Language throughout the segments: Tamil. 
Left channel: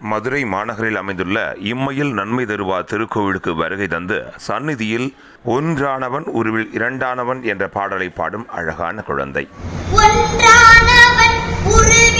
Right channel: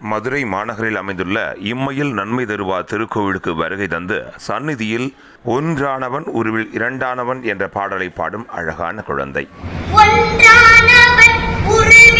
மதுரை மாநகரில் அமைந்துள்ள இம்மையில் நன்மை தருவா திருக்கோவிலுக்கு வருகை தந்து சந்நிதியில் ஒன்றானவன் உருவில் இரண்டானவன் என்ற பாடலை பாடும் அழகான குழந்தை. ஒன்றானவன் உருவில்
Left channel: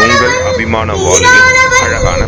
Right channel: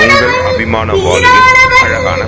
உங்கள் அபிமான வாழ்வில் அழகான